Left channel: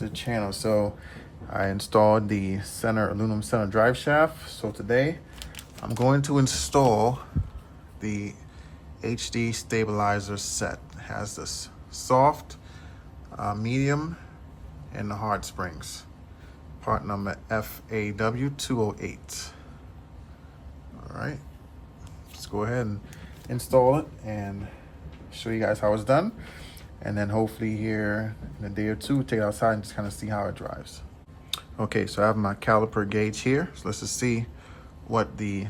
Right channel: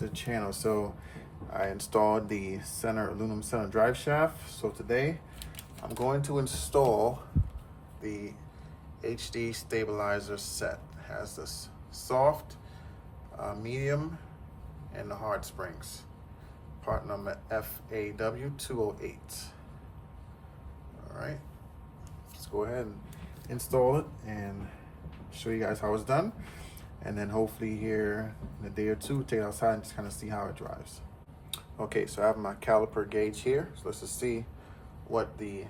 to the channel. So I installed the aluminum center drive shaft. So today I'm going to install the HD stabilizer set. It has this soft, medium, and the hard springs. Part number FAW208. All right, let's go ahead and install it and show you guys how it's done. And then hopefully here in a day or two, take it outside and just kind of see how it drives. Okay, so I have my caliper gauge here. So let's just see what the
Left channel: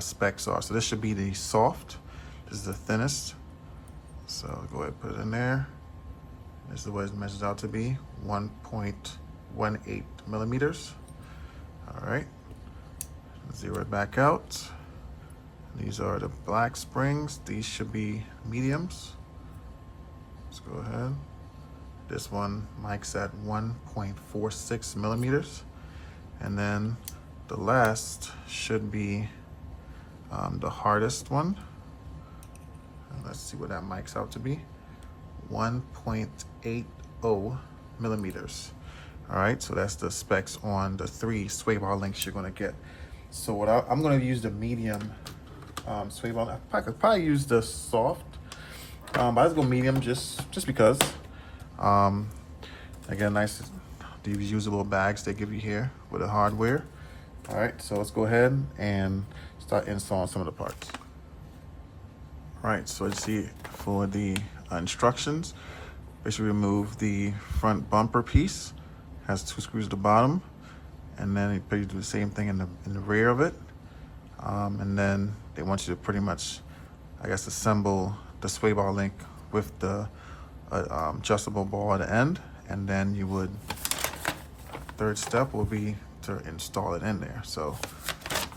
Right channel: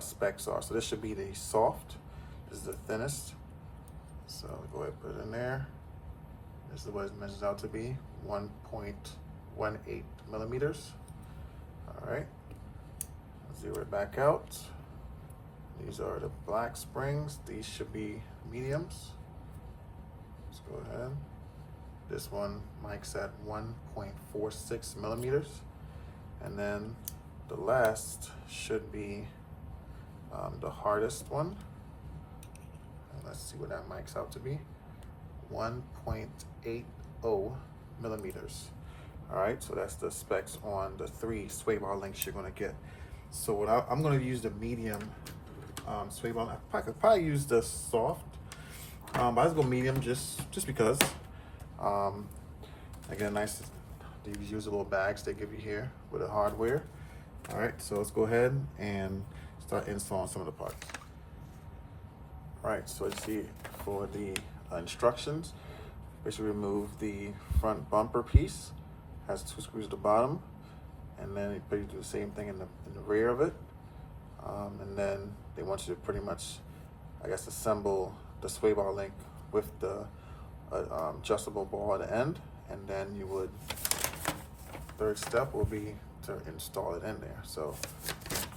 specs are. So this should be the soft. This is the thinnest. So go ahead and put it in there. This is what it measures out to be, 1.18 millimeters. All right, zero it back out. These are the black springs. These should be mediums. Let's go ahead. This one mic's at 1.46 millimeters. And then the last should be the hardest one. Let's see what that mic's out to be. 1.80 millimeters. All right, so that's the specs on the 3 sway bar links you're gonna get. So what I'm gonna use the medium sway bar. I could probably use the soft, but let's go medium just because. Again, nice these usable bags they give you here with the hardware. All right, so let's go ahead and start installing some of the parts. All right, so let's see for the instructions. Basically remove the front bumper piece. Has 2 screws at the bottom, and then you do the same thing in the rear of it. And then they want you to pretty much, I guess, assemble the sway bar link with the adjustable ball at the end, and then you would, third step will be to install it in there. So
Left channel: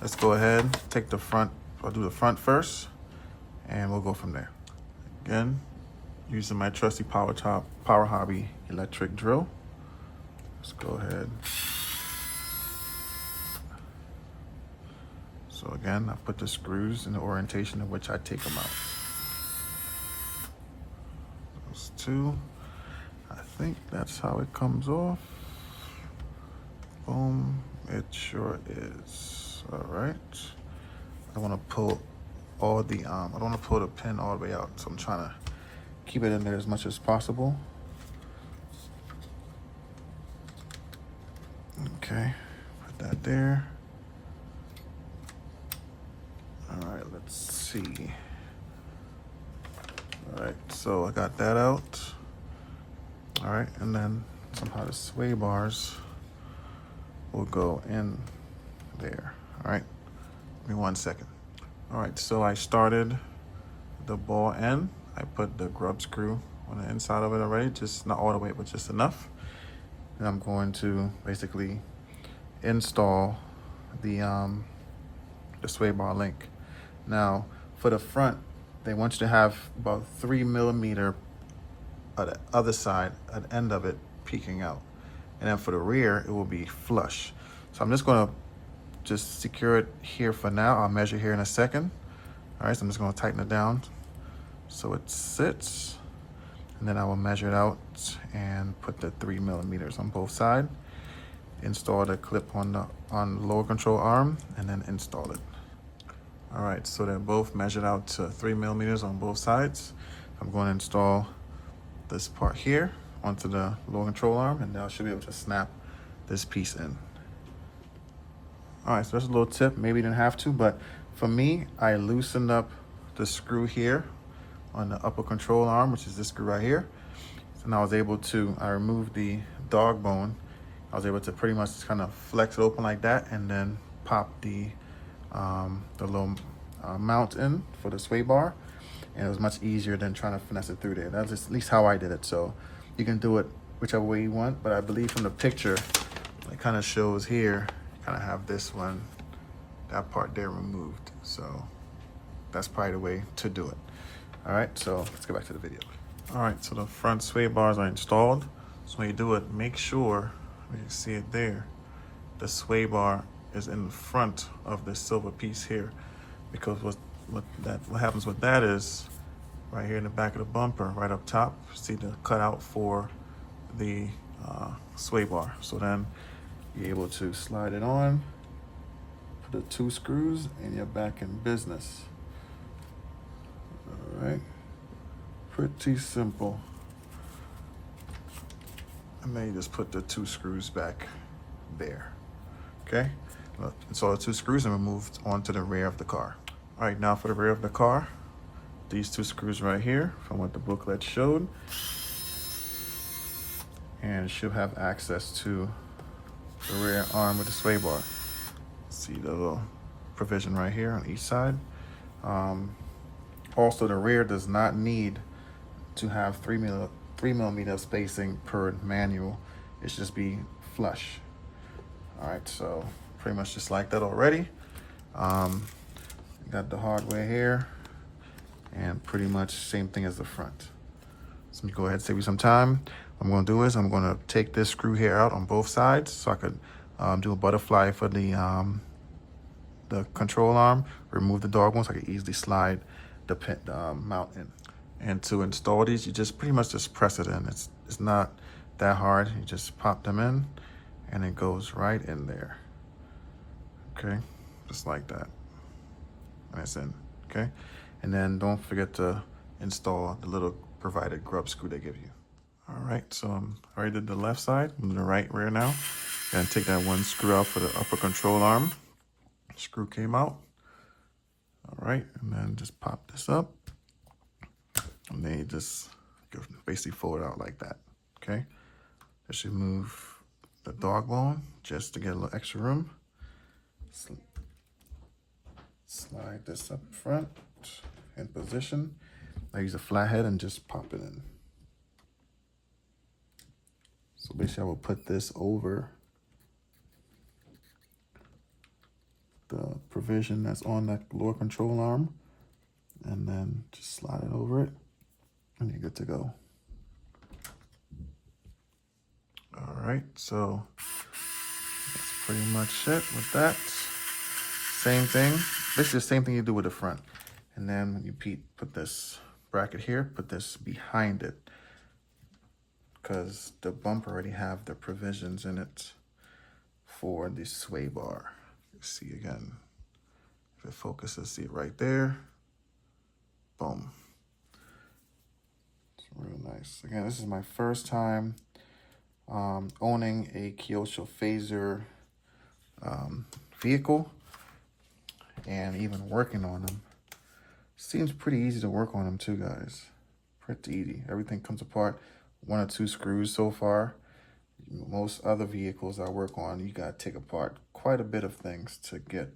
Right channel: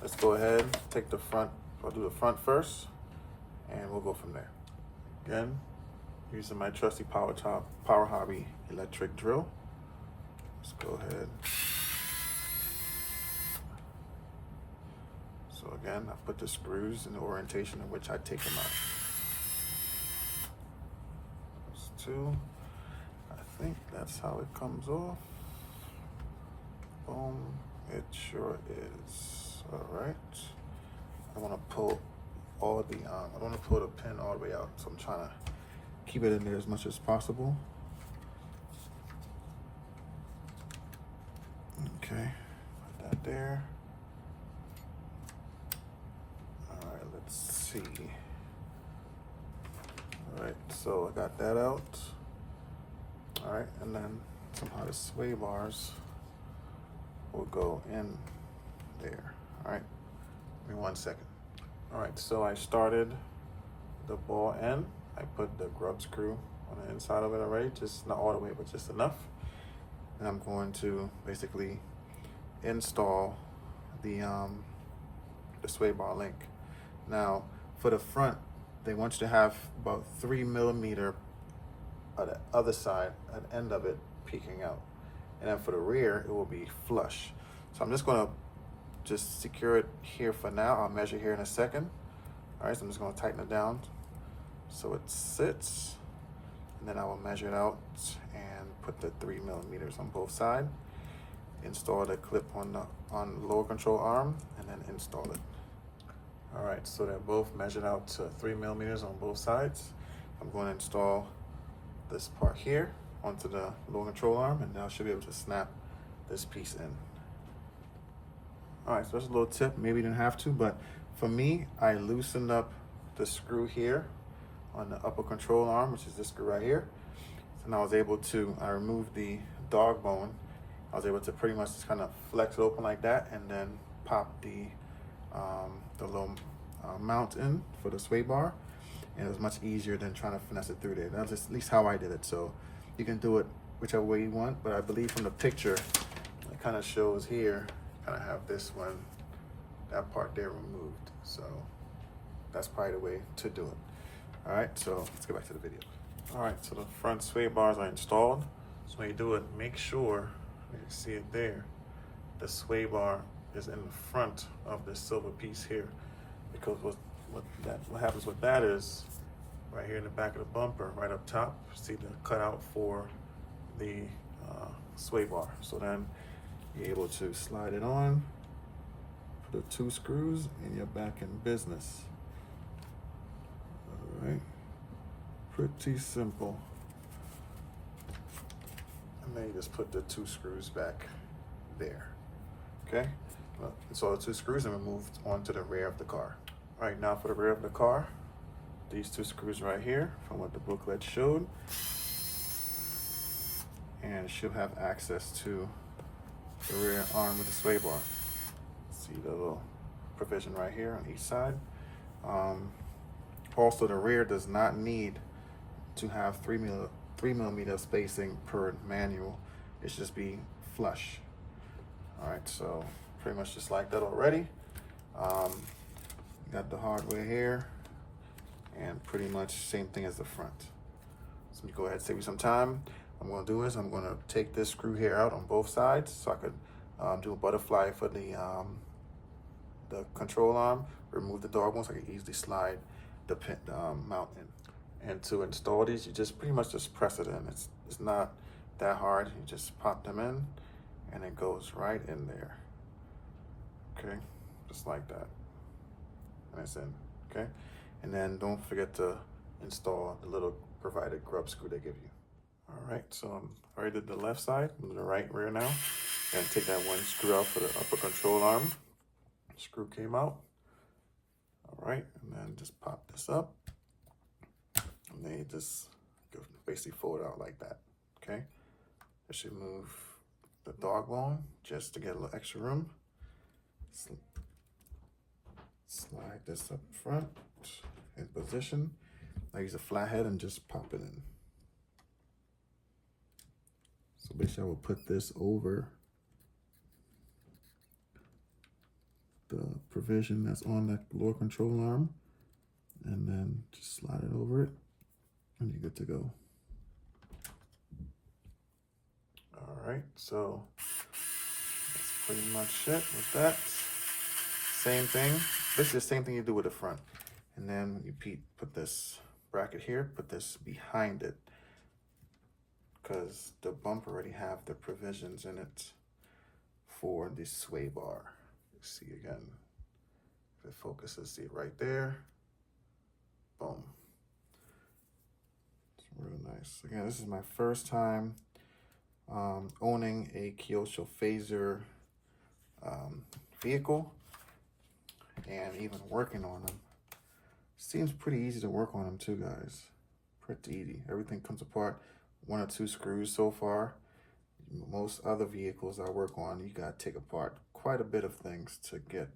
let's go ahead, take the front, I'll do the front first, and we'll go from there. Again, using my trusty Power Hobby electric drill. Let's go ahead. So again, I put the screws in the orientation in which I take them out. There's 2. I think that's how it comes off. Boom, it sure is. All right. I want to pull all the, I don't want to pull the pin all the way out, so I'm trying to keep it in there as much as possible. Okay, put that there. All right, let's see. All right, so I got that out. All right, and then somehow the sway bars will go in there. All right, give me 1 second. All right, so I started the ball end. I put the grub screw on the inside of it already, just not all the way, but just enough. And I'm going to basically install the sway bar link. Now, for the front, they want you to have about 3 millimeter at the other side, at the end of it, peeking out. And then for the rear, it will be flush. So I'm just gonna secure it here for now. I'll measure here in a second. All right, so I'm just gonna tighten it down so it sits. And then I will measure it out and put the 3 millimeters on both sides. Install the clip on the lower control arm, and then install it. All right, so they're both measured out to 3 millimeters on both sides. I'm going to install this part here onto the lower control arm, and now I should be able to snap this piece in. All right, so that's a little tip. Maybe you didn't have to, but for me, I loosened up the screw here on the upper control arm, which is this screw right here. And I was able to, I removed the dog bone. I was able to pretty much kind of flex it open like that, and then pop the little mount in for the sway bar. And it was much easier than trying to finesse it through there. That's just at least how I did it. So you can do it whichever way you want, but I believe from the picture, it kind of shows here, kind of have this one, that part there removed. So that's probably the way to do it. All right, so let's go back to the video. All right, so the front sway bars are installed. So when you do it, make sure, you can see it there, the sway bar is in front of the silver piece here, because what happens with that is, right here in the back of the bumper, right up top, see the cutout for the sway bar. So then you're able to slide it on, put the 2 screws, and you're back in business. All right, pretty simple. And then you just put the 2 screws back there. Okay, so the 2 screws are removed onto the rear of the car. All right, now for the rear of the car, these 2 screws right here from what the booklet showed, and it should have access to the rear arm with the sway bar. See the little provision right here on each side. Also, the rear does not need to have 3 millimeter spacing per manual. It should just be flush. All right, so pretty much just like that already. Got the hardware here, and pretty much same thing as the front. So let me go ahead and save you some time. What I'm gonna do is I'm gonna take this screw here out on both sides so I could do a butterfly for the control arm, remove the dog one so I can easily slide the mount in. And to install these, you just pretty much just press it in. It's not that hard. You just pop them in and it goes right in there. Okay, just like that. And it's in, okay? And then don't forget to install the little provided grub screw they give you. All right, so I already did the left side, I'm doing the right rear now. And take that 1 screw out for the upper control arm. Screw came out. All right, and then just pop this up. And then you just basically fold it out like that, okay? This should move the dog bone just to get a little extra room. Slide this up front in position. I use a flathead and just pop it in. So basically I will put this over the provision that's on the lower control arm and then just slide it over it and you're good to go. All right, so that's pretty much it with that. Same thing. This is the same thing you do with the front. And then you put this bracket here, put this behind it because the bumper already have the provisions in it for the sway bar. See again, if it focuses, see it right there. Boom. It's real nice. Again, this is my first time owning a Kyosho Fazer vehicle and even working on them. Seems pretty easy to work on them too, guys. Pretty easy. Everything comes apart. 1 or 2 screws so far. Most other vehicles I work on, you gotta take apart quite a bit of things to get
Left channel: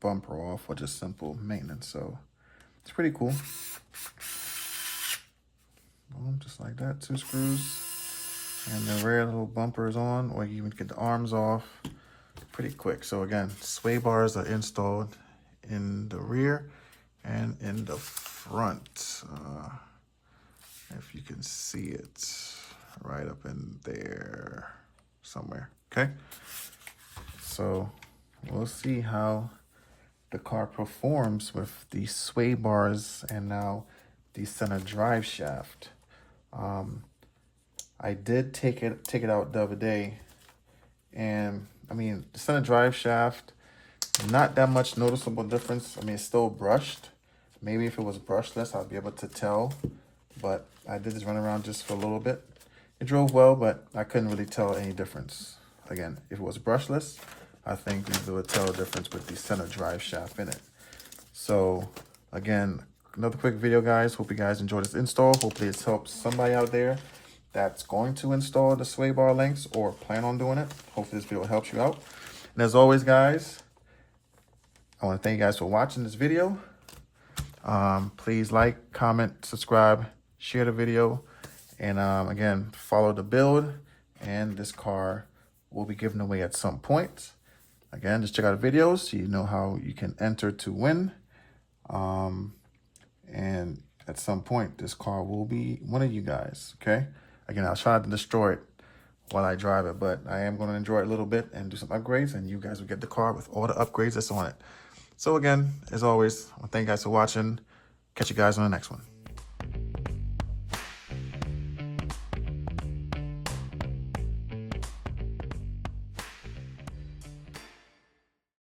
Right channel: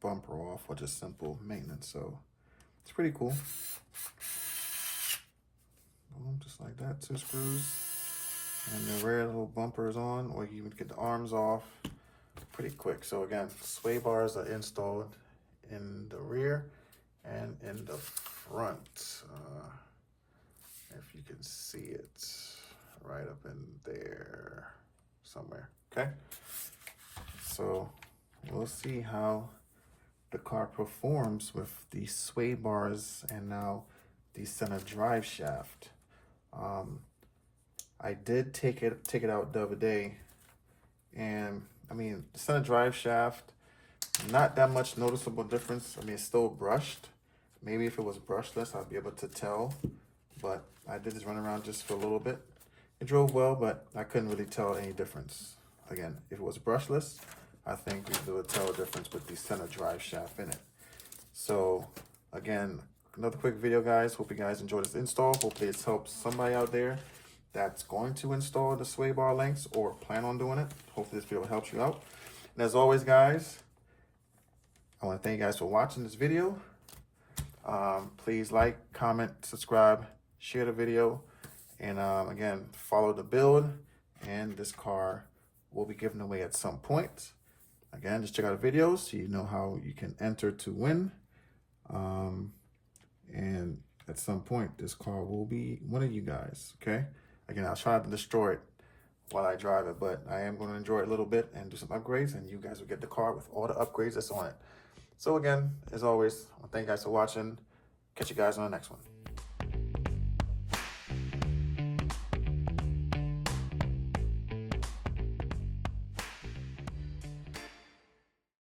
bumper off or just simple maintenance. So it's pretty cool. Just like that, 2 screws. And the rear little bumper is on, or you even get the arms off pretty quick. So again, sway bars are installed in the rear and in the front. If you can see it right up in there somewhere, okay? So we'll see how the car performs with the sway bars and now the center drive shaft. I did take it out the other day, and I mean, the center drive shaft, not that much noticeable difference. I mean, it's still brushed. Maybe if it was brushless, I'd be able to tell, but I did just run around just for a little bit. It drove well, but I couldn't really tell any difference. Again, if it was brushless, I think we would tell the difference with the center drive shaft in it. So again, another quick video, guys. Hope you guys enjoyed this install. Hopefully it's helped somebody out there that's going to install the sway bar links or plan on doing it. Hopefully this video helps you out. And as always, guys, I want to thank you guys for watching this video. Please like, comment, subscribe, share the video, and again, follow the build, and this car will be given away at some point. Again, just check out the videos so you know how you can enter to win. And at some point, this car will be one of you guys, okay? Again, I'll try not to destroy it while I drive it, but I am going to enjoy it a little bit and do some upgrades, and you guys will get the car with all the upgrades that's on it. So again, as always, I thank you guys for watching. Catch you guys on the next one.